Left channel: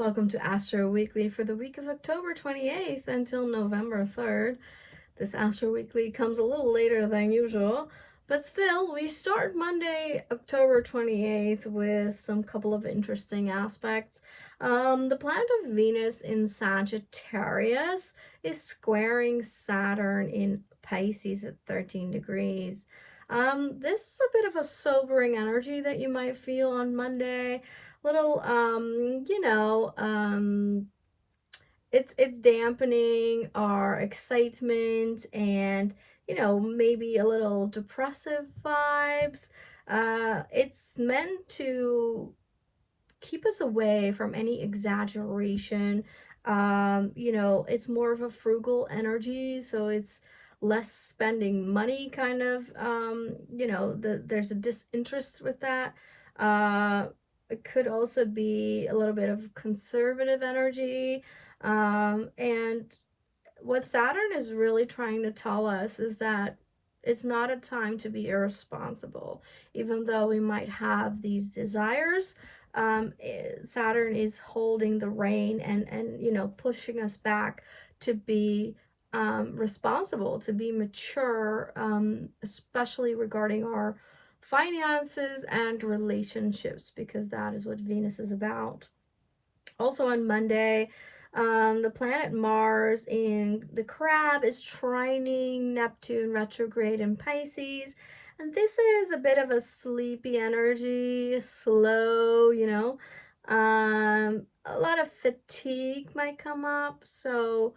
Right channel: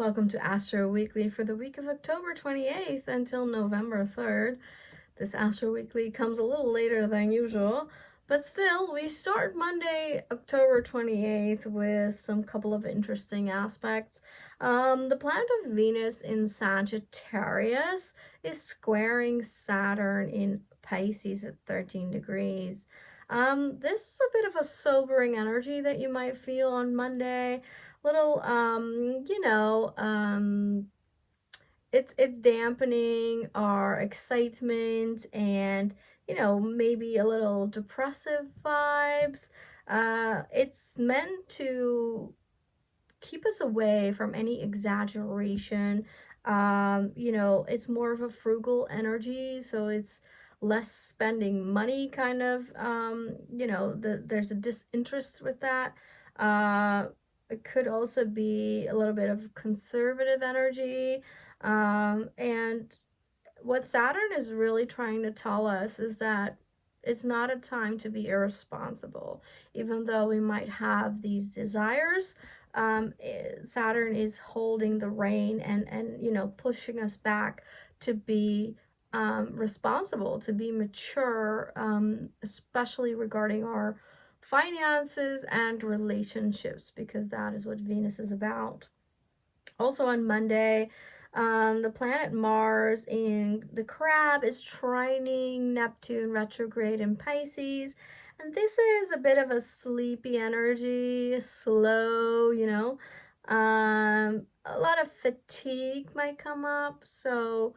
Welcome to Astro Weekly for the week of October 28th until November 3rd. This Astro Weekly comes a little later than usual, but still, we start Monday, October 28th with some couple of interesting aspects. The planet of Venus in Sagittarius is squaring Saturn in Pisces at 13 degrees. This is a bit of a sobering energy that you might feel on Monday. Little, it's dampening our excitement and maybe a little depressive vibes. It's meant to keep us away from any exaggeration. It's more of a frugal energy, so it's less spending money kind of. There's a disinterest with that. It could also be a little bit of conservative energy. And what Saturn is really trying to tell us is that it's not a time to be irresponsible. Even though we might have these desires, Saturn is holding the rein and pushing us back to be responsible, to be mature, especially regarding our finances and relationships, because that is what Venus is about. Also on Monday, the planet Mars in the Crab is trining Neptune retrograde in Pisces. And this is a bit of a sleepy energy, slow, a lot of fatigue might come up. So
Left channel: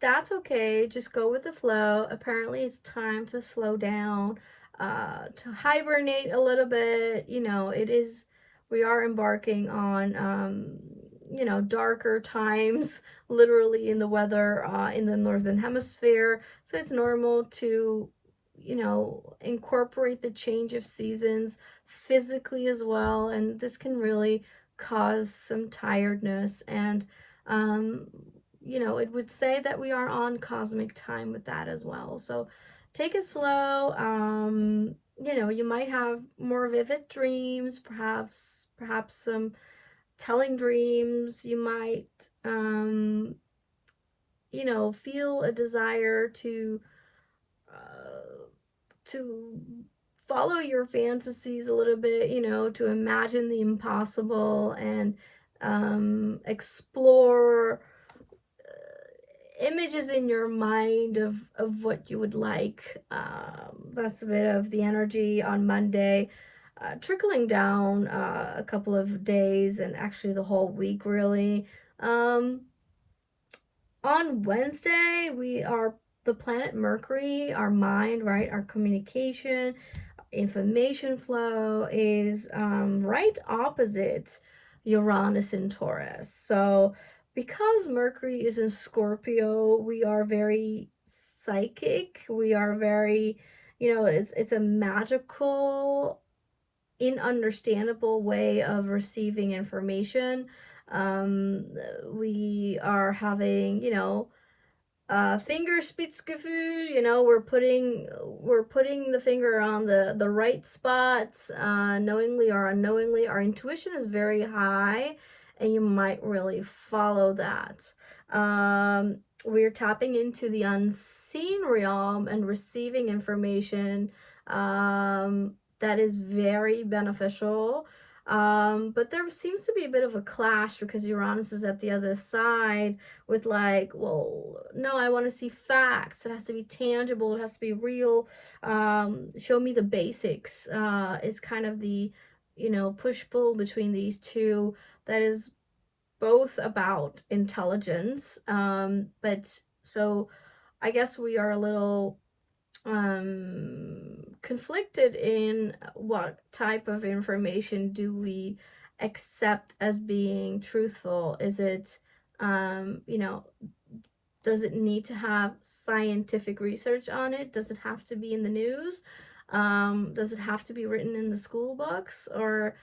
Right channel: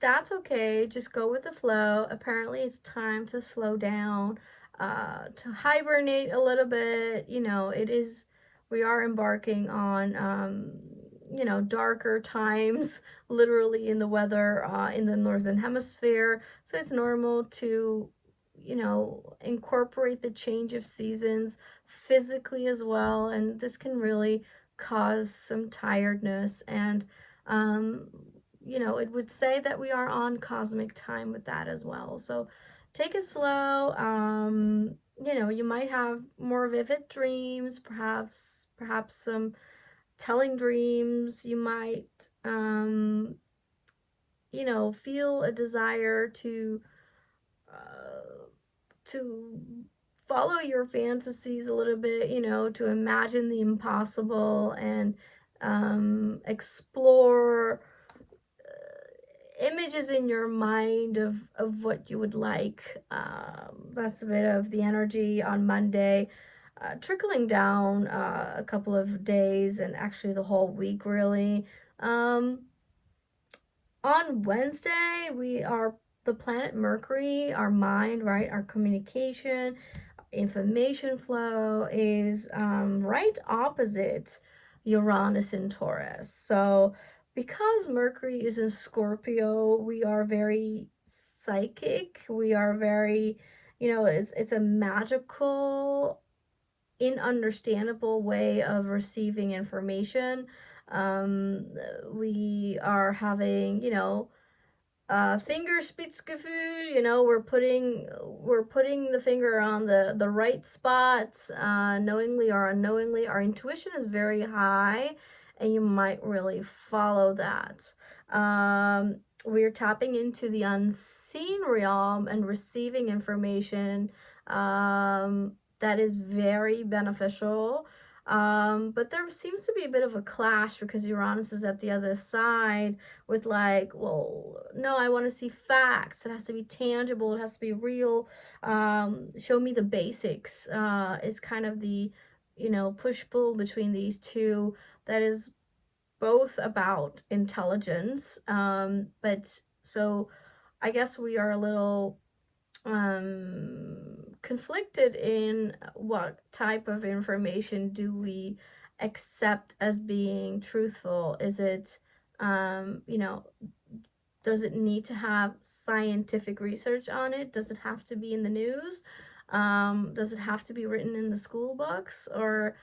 that's okay. Just go with the flow. Apparently, it's time to slow down, to hibernate a little bit. We are embarking on, darker times, literally in the weather, in the northern hemisphere. So it's normal to, incorporate the change of seasons physically as well. And this can really cause some tiredness. And, it would say that we are on cosmic time with that as well. So take it slow. You might have more vivid dreams, perhaps some telling dreams. You might, feel a desire to follow your fantasies a little bit, to imagine the impossible and explore images in your mind of what you would like. That's a bit of the energy on Monday, trickling down a couple of days and actually the whole week, really. On Wednesday, the planet Mercury, our mind, right, our communication, information flow is right opposite Uranus in Taurus. So because Mercury is in Scorpio, we are very psychic. We are very, it's a magical, ununderstandable way of receiving information. We are having, Fingerspitzgefühl, we're putting the finger on the right spots, knowingly or unknowingly. Our intuition is very high, and you might really follow that. We're tapping into the unseen realm and receiving information that is very beneficial. But there seems to be a bit of a clash because Uranus is at the other side with like, well, no, I want to see facts. It has to be tangible. It has to be real. Show me the basics. Is kind of the, push-pull between these two that is both about intelligence. But so I guess we are a little conflicted in what type of information do we accept as being truthful. Is it, does it need to have scientific research on it? Does it have to be in the news? Does it have to be written in the school books? Or,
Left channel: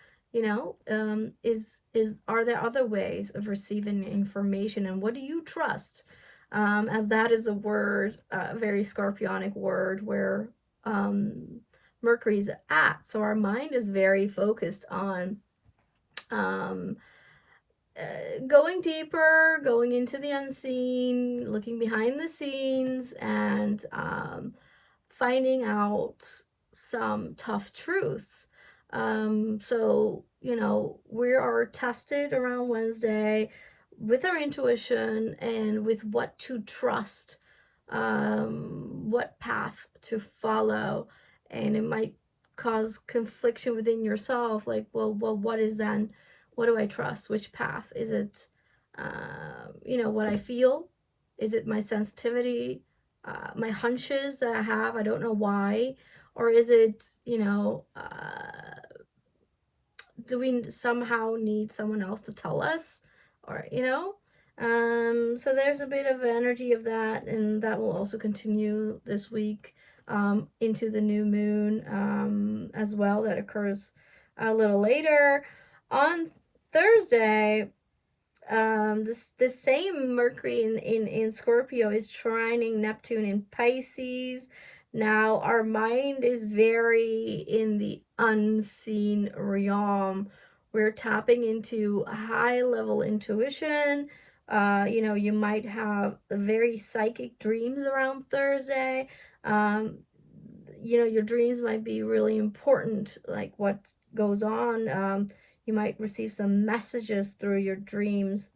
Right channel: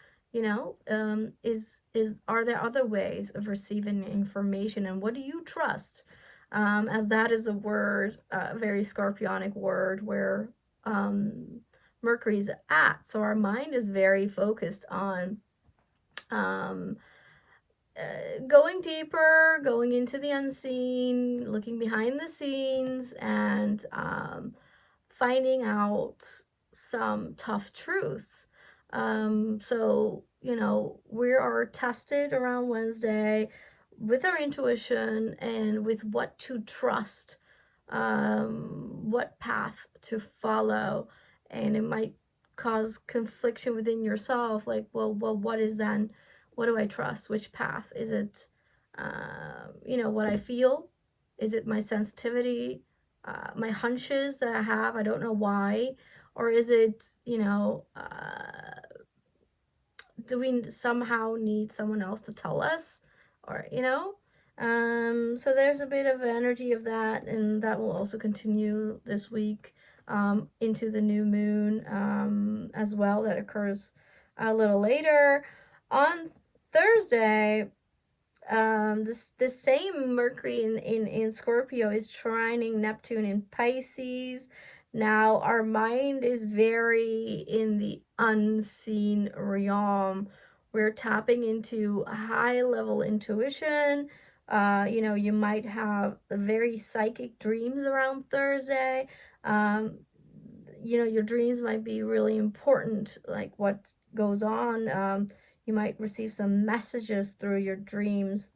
are there other ways of receiving information? And what do you trust? As that is a word, a very scorpionic word where Mercury's at. So our mind is very focused on going deeper, going into the unseen, looking behind the scenes, and finding out some tough truths. So, we are tested around Wednesday with our intuition and with what to trust, what path to follow. And it might cause confliction within yourself, like, well, what is then? What do I trust? Which path? Is it, what I feel? Is it my sensitivity? My hunches that I have, I don't know why, or is it, do we somehow need someone else to tell us, or so there's a bit of energy of that, and that will also continue this week into the new moon as well, that occurs a little later on Thursday. This same Mercury in Scorpio is trining Neptune in Pisces. Now our mind is very in the unseen realm. We're tapping into high level intuition. You might have very psychic dreams around Thursday. Your dreams might be really important, like what goes on. You might receive some messages through your dreams.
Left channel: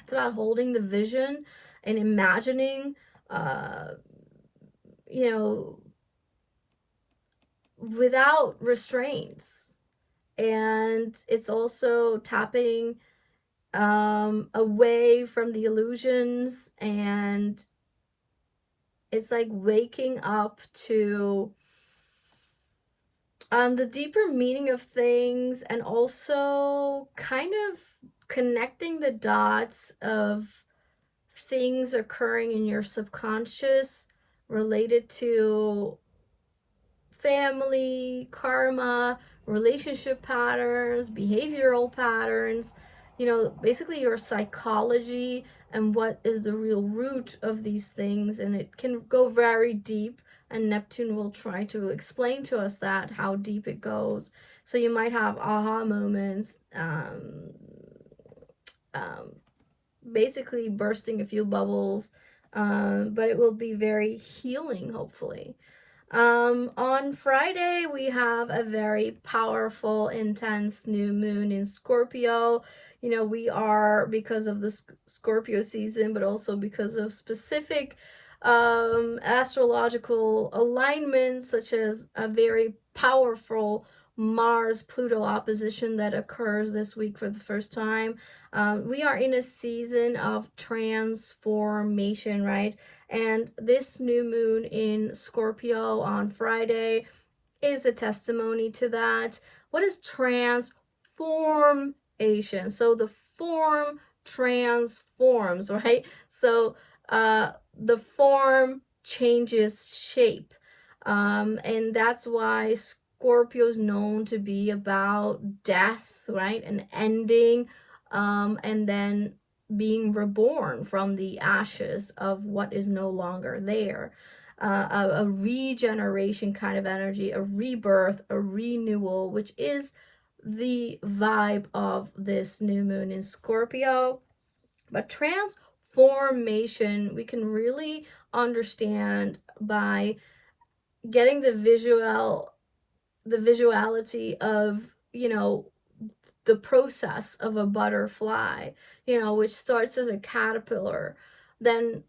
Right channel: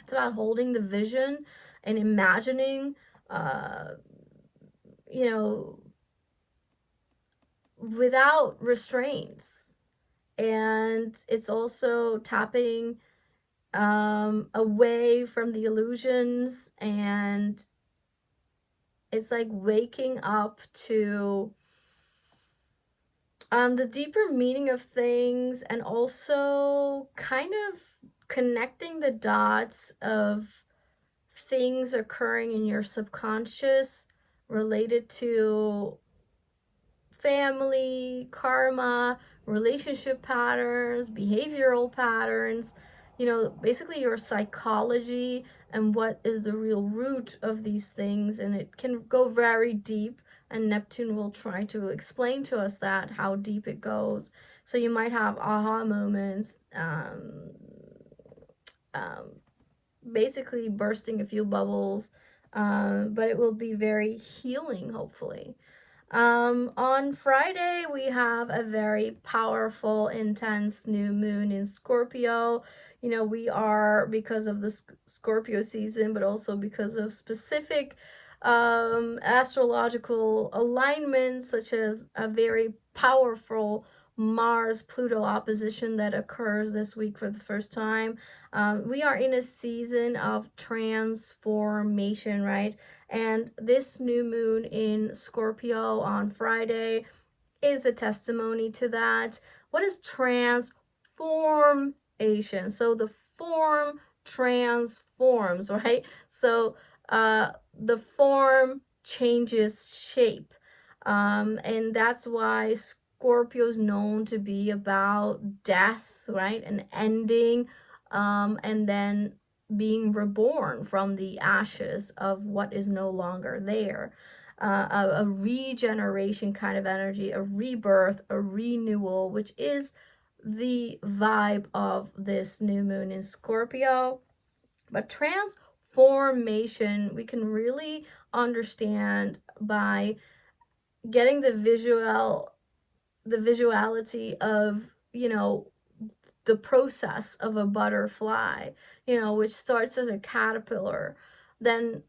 It's about holding the vision and imagining, you know, without restraints. And it's also tapping away from the illusions, and it's like waking up to the deeper meaning of things, and also kind of connecting the dots of things occurring in your subconscious related to family, karma, relationship patterns, behavioral patterns, basically your psychology and what is the real root of these things. And it can go very deep, and Neptune will try to explain to us that, how deep it goes. So you might have aha moments, basically bursting a few bubbles, but it will be very healing, hopefully. On Friday, we have a very powerful, intense new moon in Scorpio. We are, because of the Scorpio season, but also because of specific astrological alignments, such as a very powerful Mars-Pluto opposition that occurs this week for the first time. We are in a season of transformation, right? And this new moon in Scorpio on Friday is a testimony to that. What is transformation? So the form transforms, right? So the form changes shape. And that's why Scorpio is known to be about death, right? And ending, and then being reborn from the ashes of what is no longer there. A regeneration kind of energy, a rebirth, a renewal, which is the vibe of this new moon in Scorpio. But transformation, we can really understand by getting the visuality of, the process of a butterfly, which starts as a caterpillar, then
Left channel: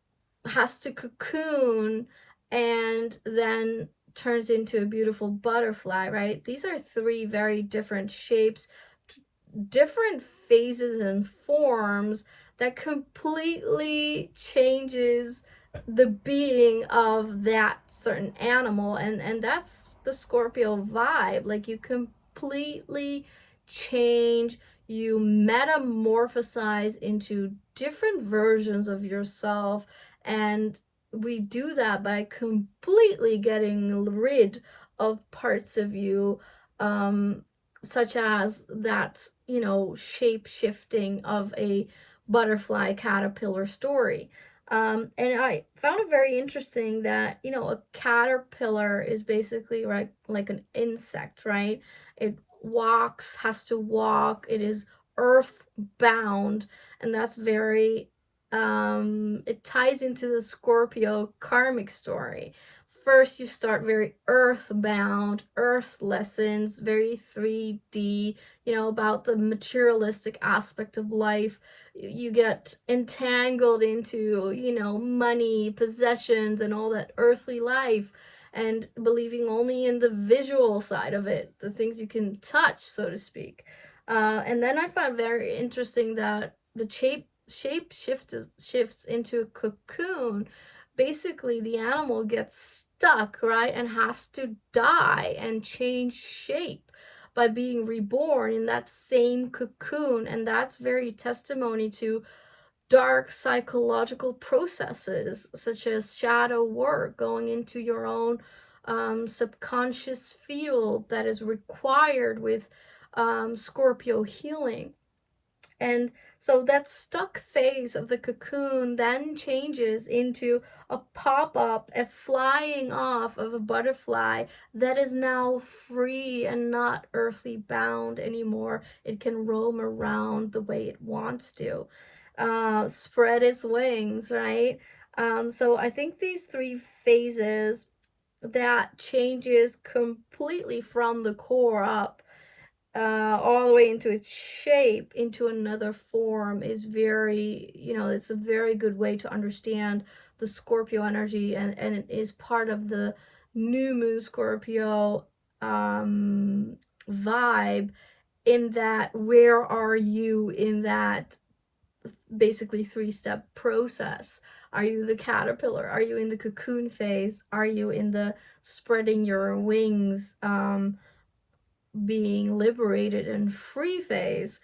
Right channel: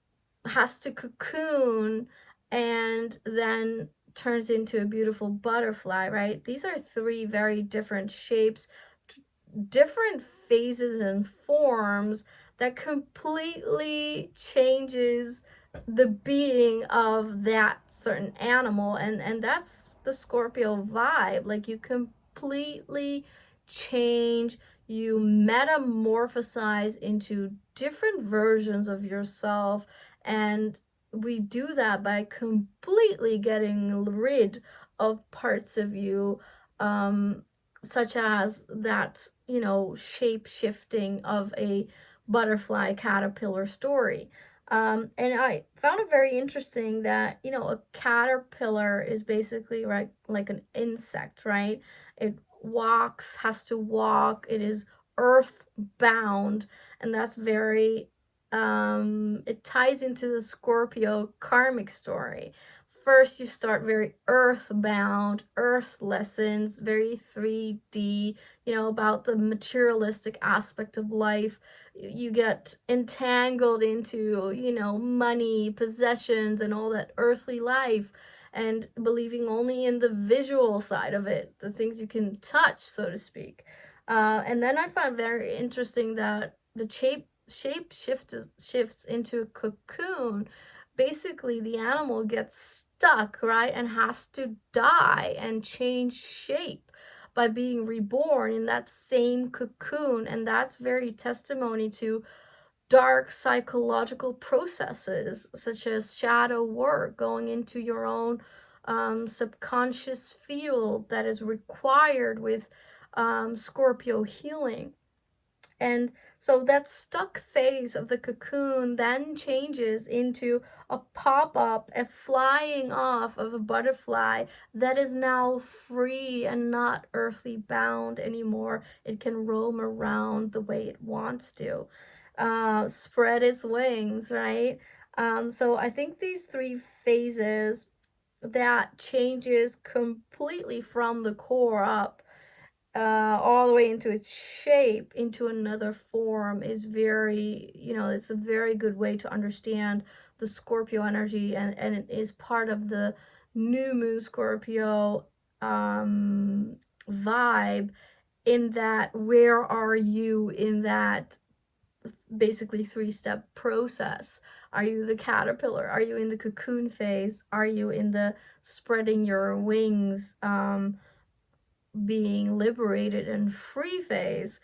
has to cocoon, and then turns into a beautiful butterfly, right? These are three very different shapes, different phases and forms that completely changes the being of that certain animal. And that's the Scorpio vibe. Like, you completely change, you metamorphosize into different versions of yourself. And we do that by completely getting rid of parts of you, such as that, shape shifting of a butterfly caterpillar story. And I found it very interesting that, a caterpillar is basically like an insect, right? It walks, has to walk, it is earthbound, and that's very, it ties into the Scorpio karmic story. First, you start very earthbound, earth lessons, very 3D, about the materialistic aspect of life. You get entangled into, money, possessions, and all that earthly life, and believing only in the visual side of it, the things you can touch, so to speak. And then I found very interesting that the shifts into a cocoon. Basically, the animal gets stuck, right, and has to die and change shape by being reborn in that same cocoon. And that's very testimony to dark psychological processes, such as shadow work, going into your own subconscious field that is required with Scorpio healing. And so that stuck phase of the cocoon then changes into a pop-up, a flying off of a butterfly that is now free and not earthly bound anymore. It can roam around the way it wants to, spread its wings, right? So I think these three phases, that changes completely from the core up, all the way into its shape, into another form, is very, it's a very good way to understand the Scorpio energy, and it is part of the new moon Scorpio vibe, in that where are you in that basically 3-step process? Are you the caterpillar? Are you in the cocoon phase? Are you in the spreading your wings, being liberated and free phase?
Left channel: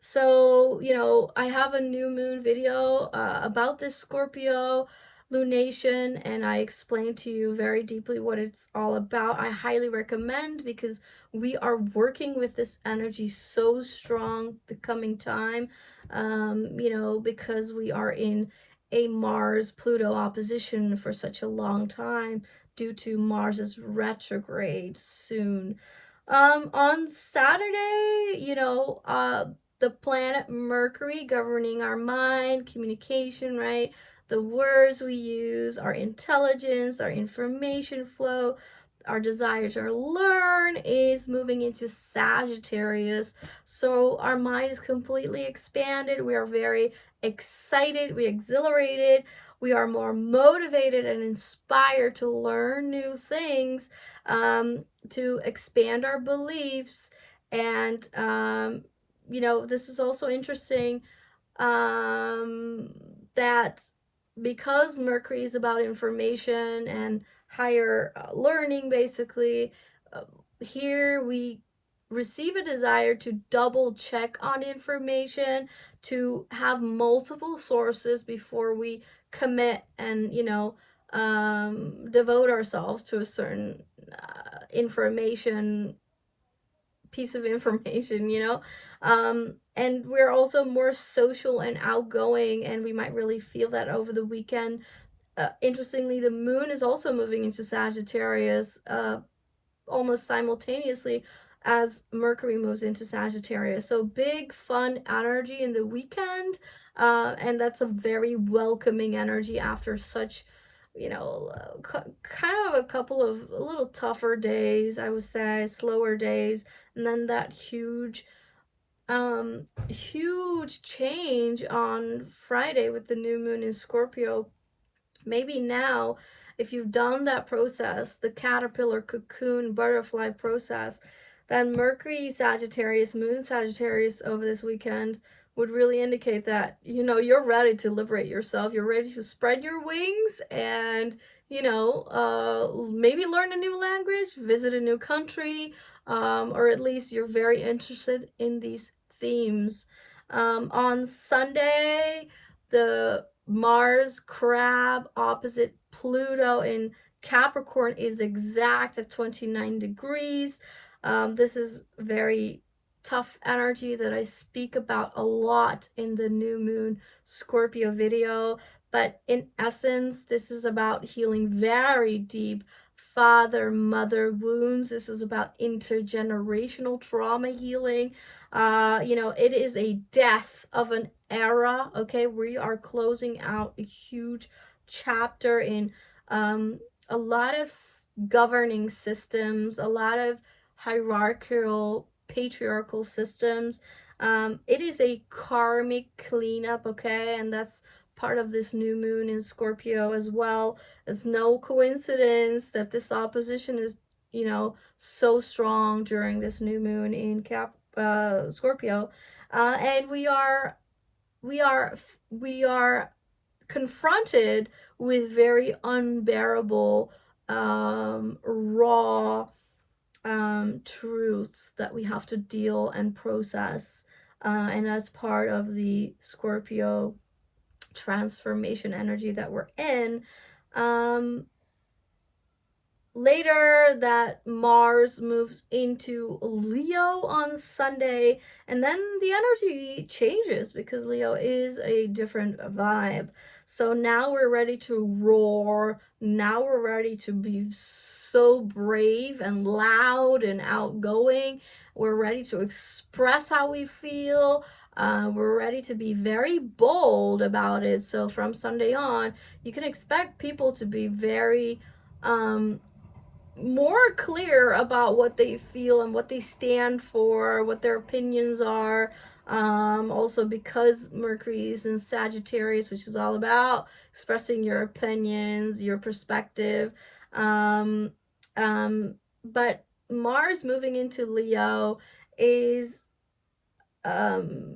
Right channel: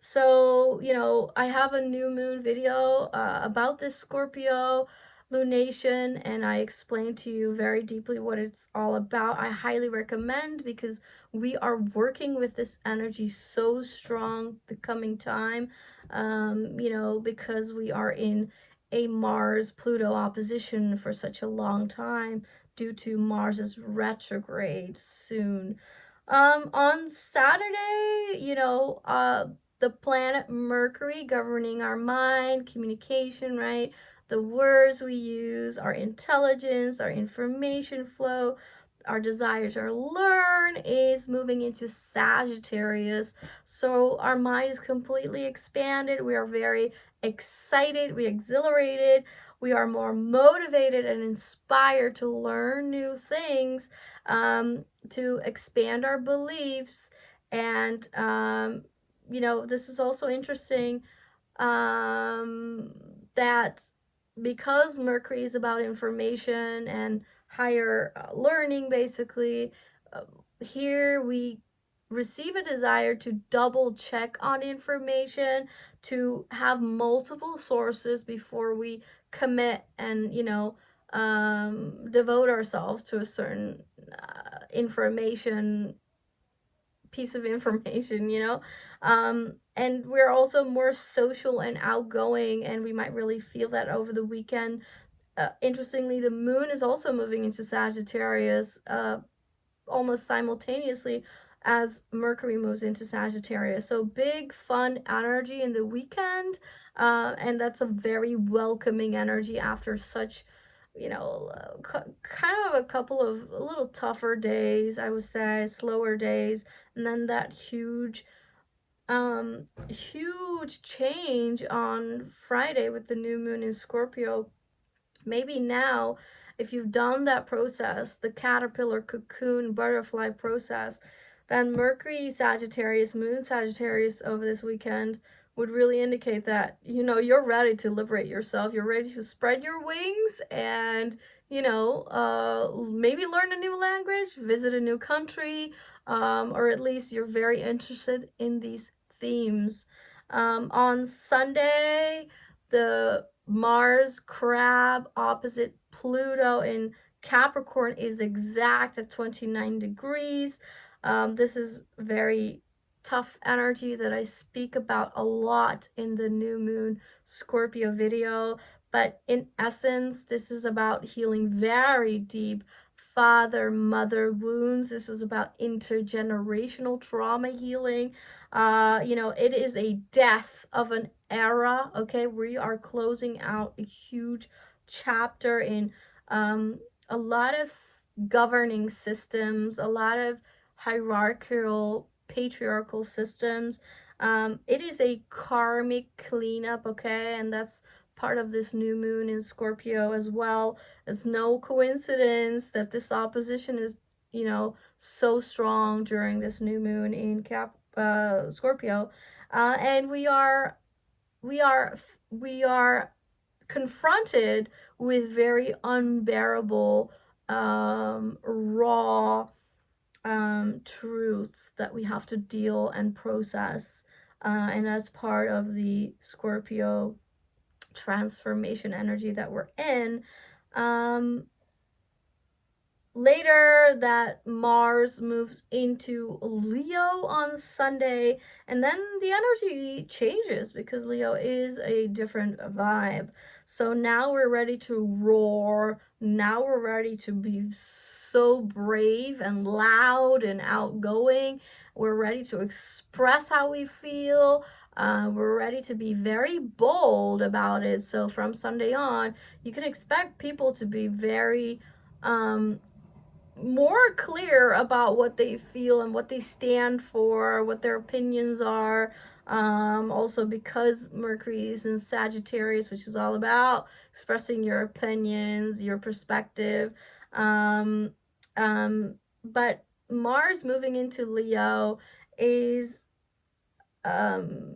So, I have a new moon video about this Scorpio lunation, and I explained to you very deeply what it's all about. I highly recommend, because we are working with this energy so strong the coming time, because we are in a Mars-Pluto opposition for such a long time, due to Mars's retrograde soon. On Saturday, the planet Mercury, governing our mind, communication, right? The words we use, our intelligence, our information flow, our desire to learn, is moving into Sagittarius. So our mind is completely expanded. We are very excited, we exhilarated, we are more motivated and inspired to learn new things, to expand our beliefs. And this is also interesting, that because Mercury is about information and higher learning, basically, here we receive a desire to double check on information, to have multiple sources before we commit and, devote ourselves to a certain piece of information, and we're also more social and outgoing, and we might really feel that over the weekend. Interestingly, the moon is also moving into Sagittarius, almost simultaneously as Mercury moves into Sagittarius. So big fun energy in the weekend, and that's a very welcoming energy after such, kind of a couple of a little tougher days, I would say, slower days, and then that huge change on Friday with the new moon in Scorpio. Maybe now, if you've done that process, the caterpillar, cocoon, butterfly process, then Mercury Sagittarius, Moon Sagittarius over this weekend would really indicate that, you're ready to liberate yourself. You're ready to spread your wings and, maybe learn a new language, visit a new country, or at least you're very interested in these themes. On Sunday, the Mars crab opposite Pluto in Capricorn is exact at 29 degrees. This is very tough energy that I speak about a lot in the new moon Scorpio video. But in essence, this is about healing very deep father mother wounds. This is about intergenerational trauma healing. It is a death of an era. Okay, we are closing out a huge chapter in a lot of governing systems, a lot of hierarchical, patriarchal systems. It is a karmic cleanup, okay, and that's part of this new moon in Scorpio as well. It's no coincidence that this opposition is, so strong during this new moon in Scorpio, and we are confronted with very unbearable, raw, truths that we have to deal and process, and that's part of the Scorpio transformation energy that we're in. Um, Later, that Mars moves into Leo on Sunday, and then the energy changes because Leo is a different vibe. So now we're ready to roar. Now we're ready to be so brave and loud and outgoing. We're ready to express how we feel. We're ready to be very bold about it. So from Sunday on, you can expect people to be very more clear about what they feel and what they stand for, what their opinions are. Also, because Mercury is in Sagittarius, which is all about expressing your opinions, your perspective. Um, but Mars moving into Leo is um,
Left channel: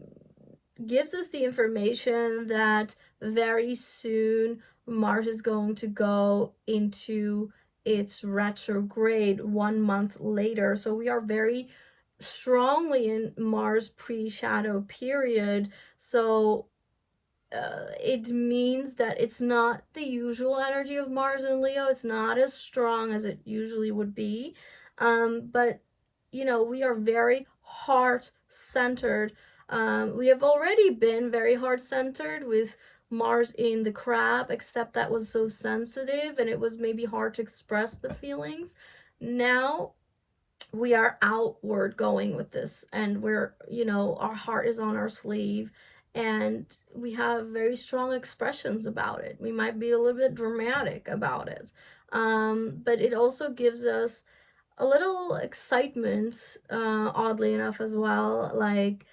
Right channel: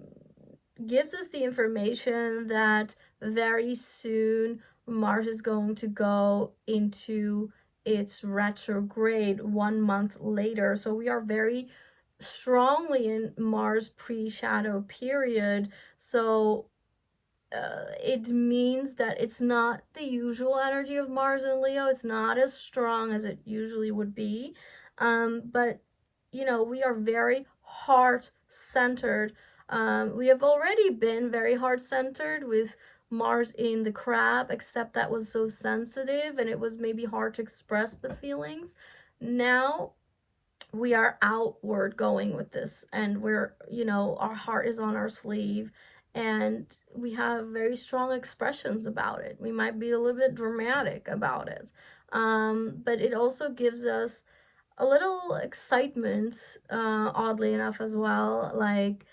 gives us the information that very soon Mars is going to go into its retrograde 1 month later. So we are very strongly in Mars pre-shadow period. So it means that it's not the usual energy of Mars and Leo. It's not as strong as it usually would be. But, we are very heart centered. We have already been very heart centered with Mars in the crab, except that was so sensitive and it was maybe hard to express the feelings. Now we are outward going with this, and our heart is on our sleeve, and we have very strong expressions about it. We might be a little bit dramatic about it, but it also gives us a little excitement, oddly enough, as well, like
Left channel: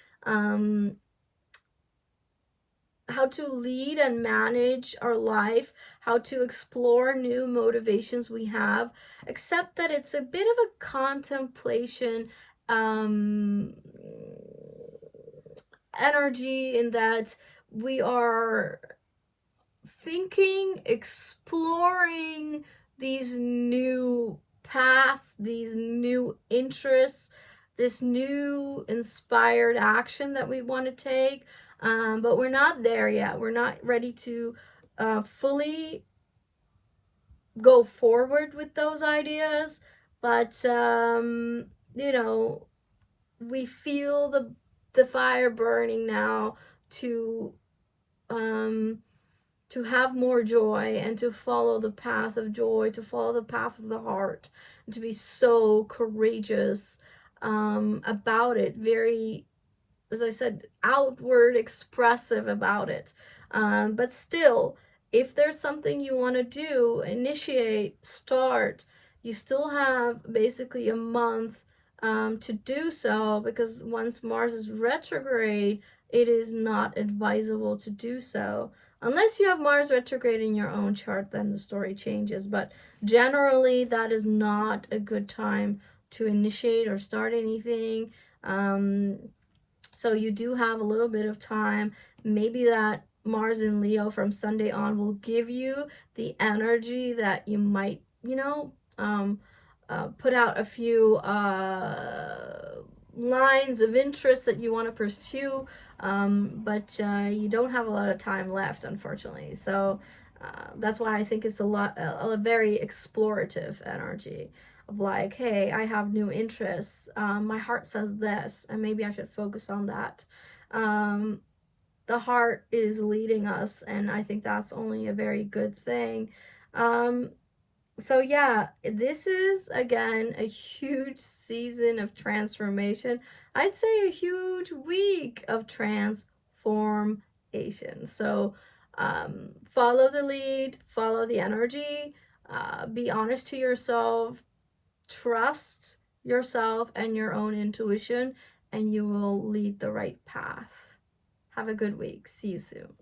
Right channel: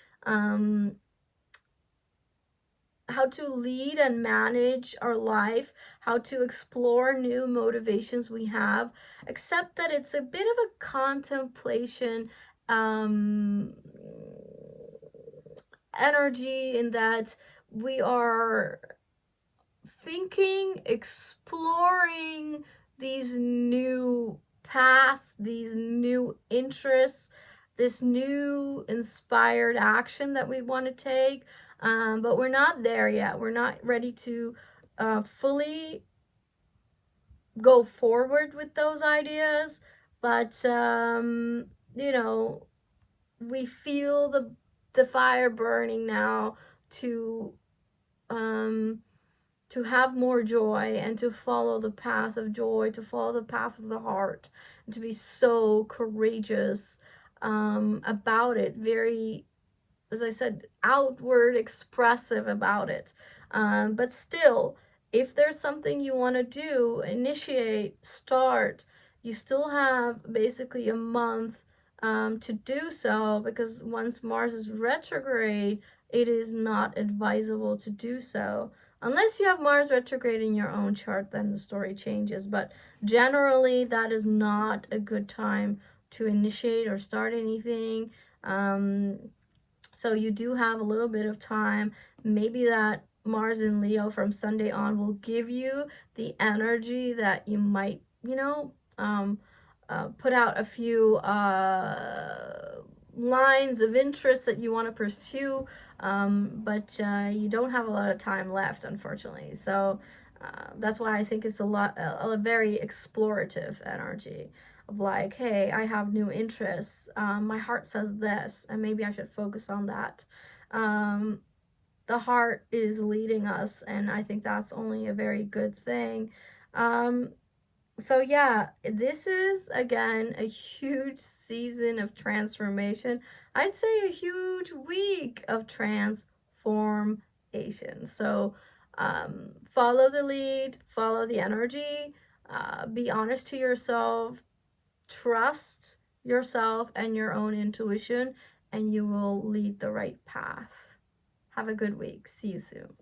how to lead and manage our life, how to explore new motivations we have, except that it's a bit of a contemplation, energy, in that we are thinking, exploring these new paths, these new interests, this new inspired action that we want to take. But we're not there yet. We're not ready to fully go forward with those ideas. But, we feel the fire burning now to have more joy and to follow the path of joy, to follow the path of the heart, and to be so courageous about it. Very, as I said, outward expressive about it. But still, if there's something you want to do, initiate, start, you still have basically a month to do so, because once Mars is retrograde, it is not advisable to do so. Unless you have Mars retrograde in your own chart, then the story changes. But generally, that is not a good time to initiate or start anything. So you do have a little bit of time. Maybe that Mars in Leo from Sunday on will give you the energy that you might, put out a few lines of interest that you want to pursue, but you don't have a lot of time left, unfortunately. So that's why I think it's a very explorative energy of like, hey, I have new interests. My heart says this, and maybe I should focus on that. The heart is leading us, and I think that's only a very good thing. So yeah, this is again a huge season of transformation. I'd say a huge week of transformation. So follow the lead, follow the energy, be honest to yourself, trust yourself and your own intuition, and you will lead the right path. Have a good week. See you soon.